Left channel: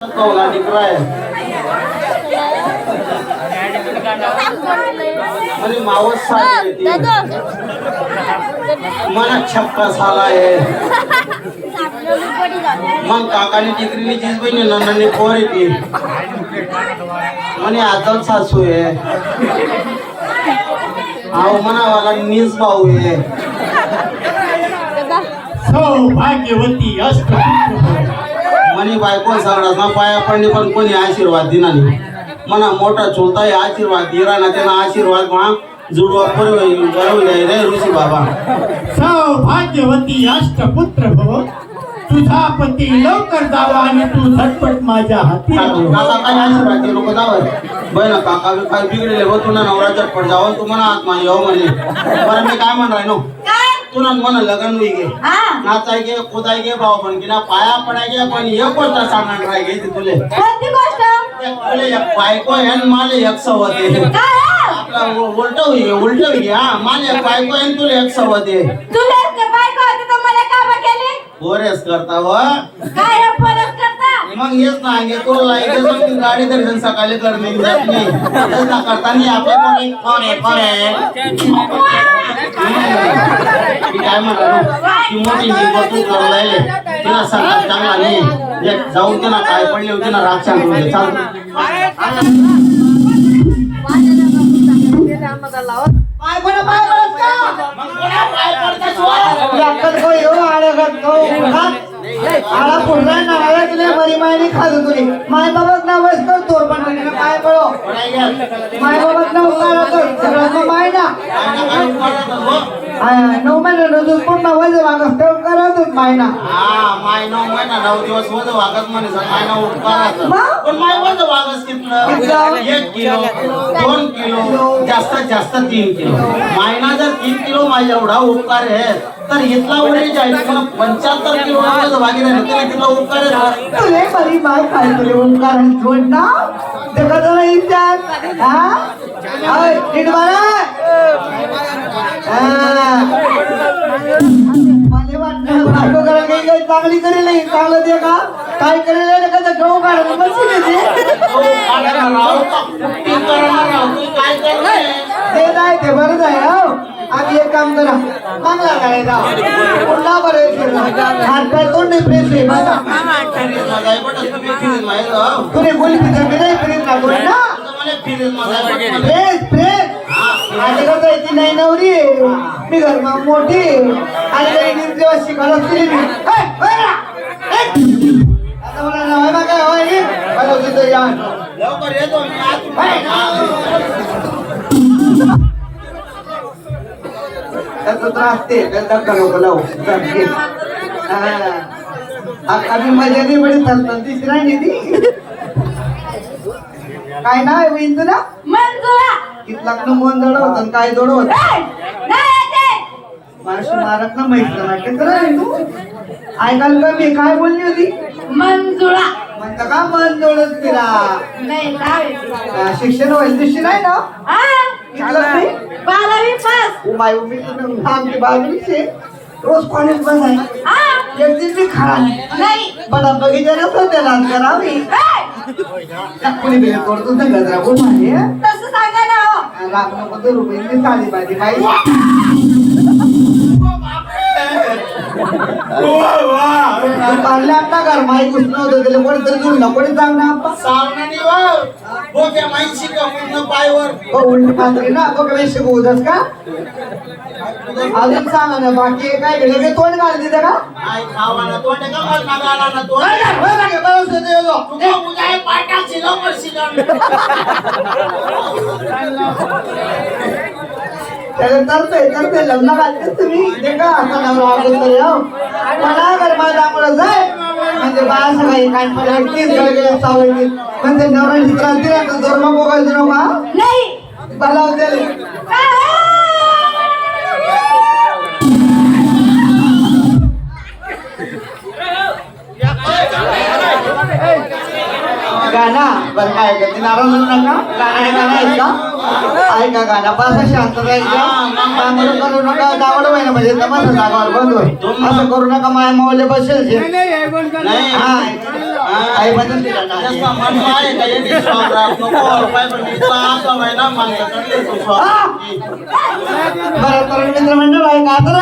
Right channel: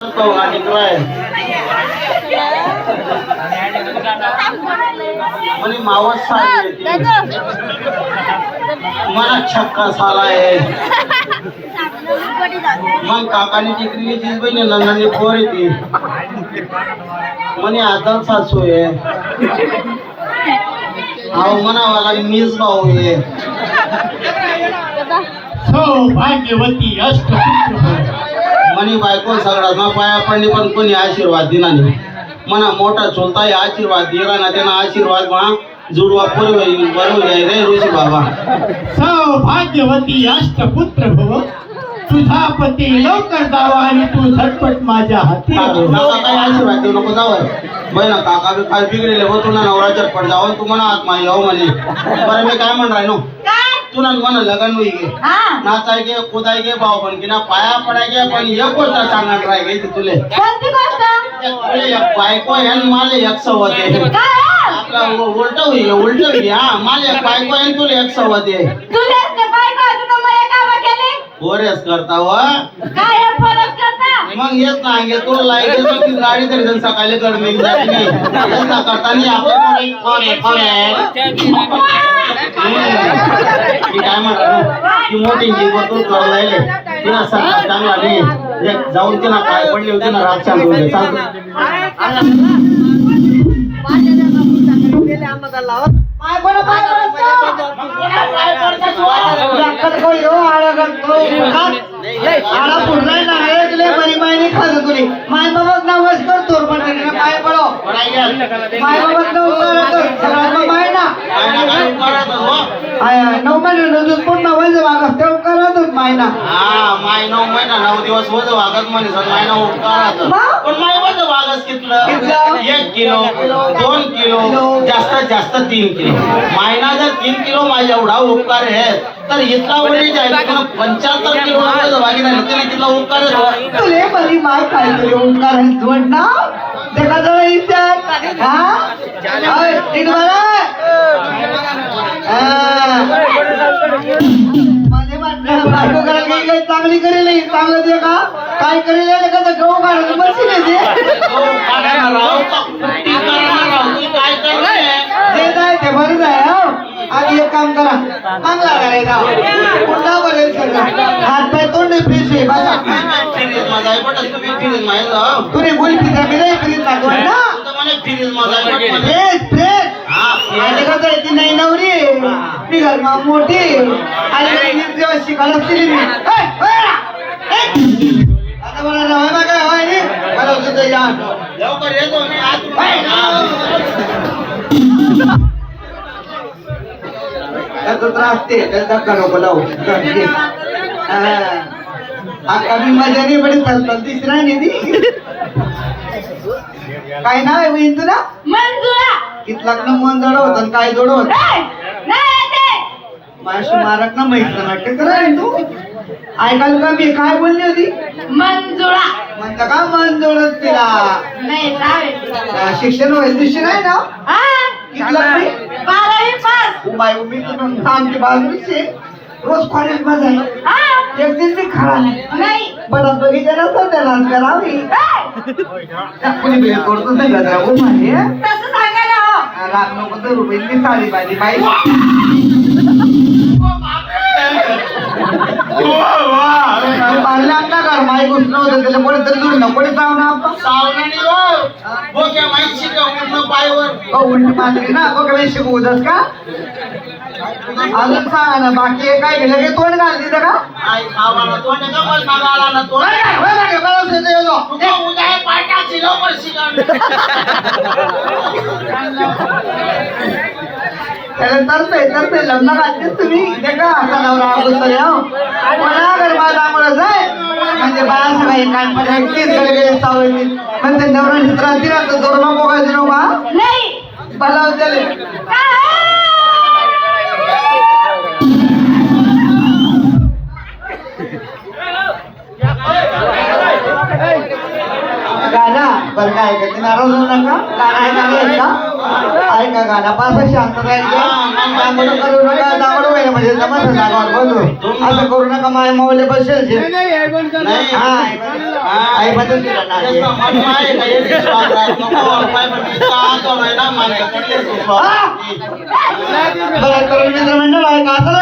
आणि मावस मला छक्का झालाय मग काकानी टिकली तीच बहिणी नंदनी पोर येते म्हणे आजल सासू आहे अहो म्हणावाला मीच भाऊ आहे सौभाग्यवती म्हणे बायको सगळ्यांना पाया पडली पण कोणी आशीर्वाद दिला नाही म्हणा मोठा चोलता आशीर्वाद दिला ना त्यांना आशीर्वाद मा जुडवा बरोबर रे ऋषी बाबा सौभाग्यवती अष्टपुत्र भव तुझा पती लवकर जावा आणि तू झटपट माझ्या हाती आशीर्वाद देऊ नको जावं बहिण काका काय बिघडले हो तुला नवरा झटपट जावं तू म्हणा आत्मा येऊ म्हणे बरं मी काय म्हणणार नो तुला म्हणा लगन होई गे नाचाय गे खोदाय गे भाऊ पण की ना पाया पडाय गे पण एक गोष्ट सांगणार राय गे तुले बायको आहे माले एक सवत आहे उलट होई हा माले बायको आहे तुला एक सवत आहे बोरेस करता व मग येत नाही तुला लाईट गाडी तरी सकाळी कर मी जात नाही करता नाही आपण काय म्हणतो की मोठी जीवतून करलाय तिला सगळं चांगला नाही जाऊन तिला काय पडले होते ना राग सांगून माय बाबाच नाव करतो पण काय पडो माय बाबाच नाव माय ना 9 महिने कोण नावायचं वागत तेव्हा करतच माय ना माय 9 महिना 9 दिवस वज वागत म्हणे माय ना उपकाराचं पण माय वज वागस कितलं 1 किलो 2 किलो जास्तीत जास्त 3 किलो मायना जर 3 किलो माझ्या एवढा उपकार आहे तर इथला वरी जाईल 75 किलो वज वागी झाली तरी तिथला उपकार तुले बरी माय काय तरी उपकार जोड ना देखा जरा इथे हा मला बायको करायला काही चांगली करेल नाही चांगलं दे का काय करेल का गहू काढायला मशीन येते ते नाही ते बरंच आहे हो आधी एक काम करा चांगला करायला पुन्हा बरेल हात पाय तोंड फ्रेश आहे तुने गोळी पिझ्झा केले फिरीत ना दोन ना फ्रेश फ्रेश आणि कसं आहे ती नाही नवरी मी घरमा मोठी आणि जेव्हा शिकायला असतील मी आता मला नवा काय हवाय मला तिथं या लवकर येतो मी त्रास ते धक्का नको लावू कमी मजा नाही बडी चालतात तिसरा निधी काय नाव आहे बहीण तुला इथला मन जड होत काय जड होत माशी मारक ना माहित नाटक करा तू ऐकाल का मी काय बोलली होती मंजुळा म्हणता का मन जोडत तिला शिक्षण वगैरे दिवशी नाही ना हा 12वी पास बाई मी आमची बाजूची रोज कॉलेज मध्ये आहे एक दिन मी खा नाही बडा बघितलं नसतं त्याला करावी कोणी बेल करतो नाही गजरा कोण माहिती तसं सांगा ना हो राग नको तर रुपये साडी पाहिजे बाई पाहिलं आपला घर माई घुसणं होतं त्याला कोणीतरी जुळलं कोणी जाऊन उलट पात्री ना बघ शिकवू दस का अजून सांगा ना बाकी काय केलं की तोंड घाल तिथं का त्याला तरते लग्न घालतेच तुम्ही इथे का असा नवरा अगोदर मला घर माझा आम्हाला जाय म्हणजे बाळा सगळी कानपणे एकटीच गळगळे चावली म्हणजे नवरा चित्रांती ना तर जोरमा बोगायचे नो का नाही बलाव त्याले गाना बरं काय का ते नाराज होऊ नका गाणं ऐका गाणं पाच शांत राहायचं करू नका दावड व्हायला म्हणजे तमाशा जागावर बंधू असं करू नका माझ्या मावले बसेल आई बदल दिला ना तेच ना, मन आहे का याची विश्वास राहत नको काय म्हणजे का नाही ना माझ्याकडे विश्वास. बरं तर मित्र मंडळ आहे का आता